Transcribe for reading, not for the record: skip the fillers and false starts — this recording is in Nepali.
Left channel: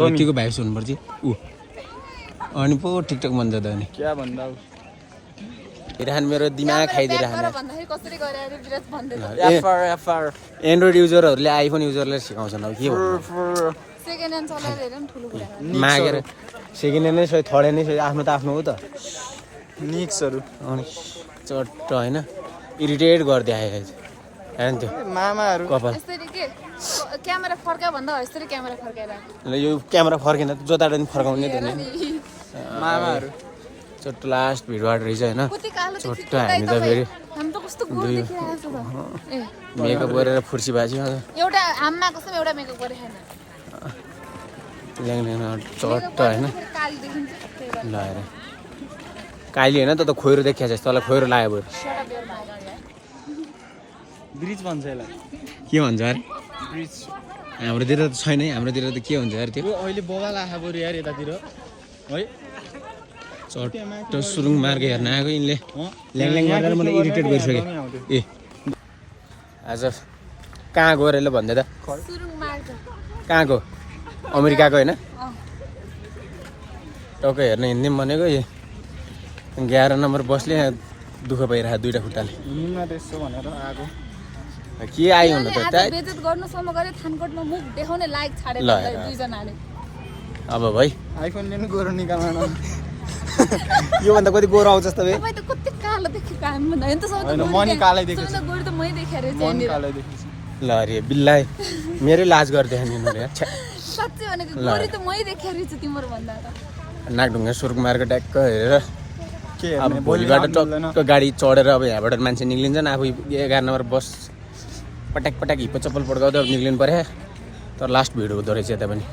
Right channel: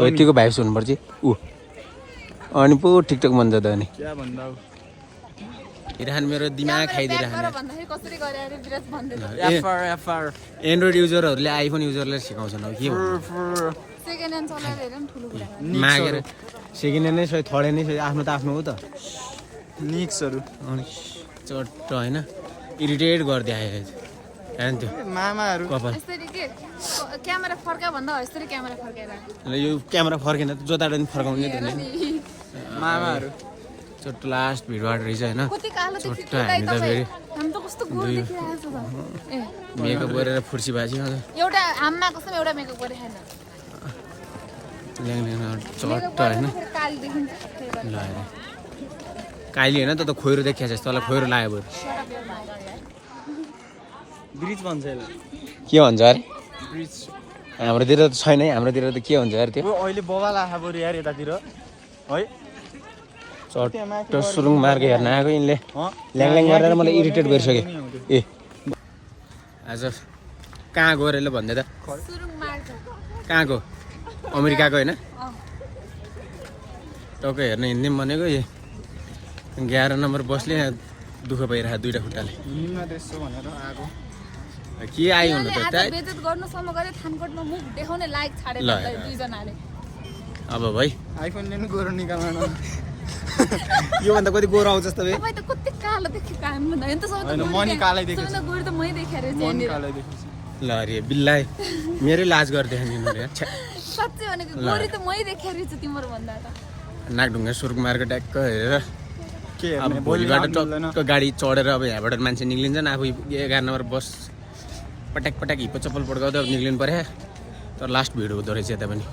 यतिको भाइस हुनुपर्छ ऊ अनि पो टिकटक मन जाँदा अनि क्या भन्दा हेरिरहनु मेरो दिमाग खाइदिइरहनु कसरी गरेर विराट भन्दै एन्ड्रोइड युजरहरूले आइफोन युजरलाई सिकाउँछन् अब के भन्नु सेकेन्ड ह्यान्ड चलाएर हेर न ठुलो कुरा मागेर सेकेन्ड ह्यान्ड नै सही थर्ड ह्यान्ड नै आफ्नो त आफ्नो हो त निक्सहरू अनि चट्ट होइन इरिटेट गरिदिए हेर्नु त्यो मामाहरू कपाल यसरी के क्यामेरा फर्का भन्दा यसरी क्यामेरा फर्काएर ल यो क्यामेरा फर्केन जोताबाट पनि फर्काउने त नि मामाहरू चट्ट लास्ट भिडबाट रहेछ होइन कति कालो चट्ट हामी त फेरि हामी त कस्तो गोल देखिरहेको छ त ए मेकअप गरेर फुर्सी बाजी एउटा आम्मा कस्तो एउटा मेकअप गरेन ल्याङ चट्ट होइन काली देखिन्छ ल हेर काली होइन त खोइरो देखिया छ तँलाई खोइरो लाग्यो बरु ब्रिज भन्छ यसलाई के भन्छ अरे ब्रिज हाम्रोतिर त छैन है हाम्रोतिर त के भन्छ अरे त्यो अहिले बबाल आखा बरु यार यतातिर है चट्ट सुरुङ मार्ग हेर्न आएको यिनले ल्याङ गरेर मलाई इरिटेट गरिसक्यो ए आज कहाँ गएर ल भन्दै त सुरुङ मार्ग कहाँ गयो अमेरिकाको होइन टक्कै हेर्न हिँड्ने भनेको 11 नम्बर बसले दुःख पाइरहेको दुईवटा खुट्टाले हिँड्न त्यस्तो भनेर आएको के आयो हुन त बेइज्जत गर्नुसम्म गरे थानकोटमा मुख देखाउने लायक छाडे दुईजनाले अब भाइ आइफोन लिनु गोरो निकाल्न योभन्दा कति गोरो आउँछ त तपाईँ त कति कालो देखि काम होइन त होइन मनी कालै देखेको सबैभन्दा गोरु त मै देखेर मन कालै देखेको ल अरे बिल्लाइ मेरै लाज गरिदियो नि यिनीहरू साँच्चै भनेको गोरु त मै देखेर तिम्रो भन्दा त नाकढुङ्गा सुरुक मार्ग ट्याक्क हेरेर अब भोलिबाट टक्क गाडी चढेर अब यहाँबाट मान्छे निक्लिन्छन् आफू 11 नम्बर बस पट्याक हिप्पो चप्पल पड्काउँदै अब निक्लिनु पर्यो तर लास्ट भिड हुँदो रहेछ यता पनि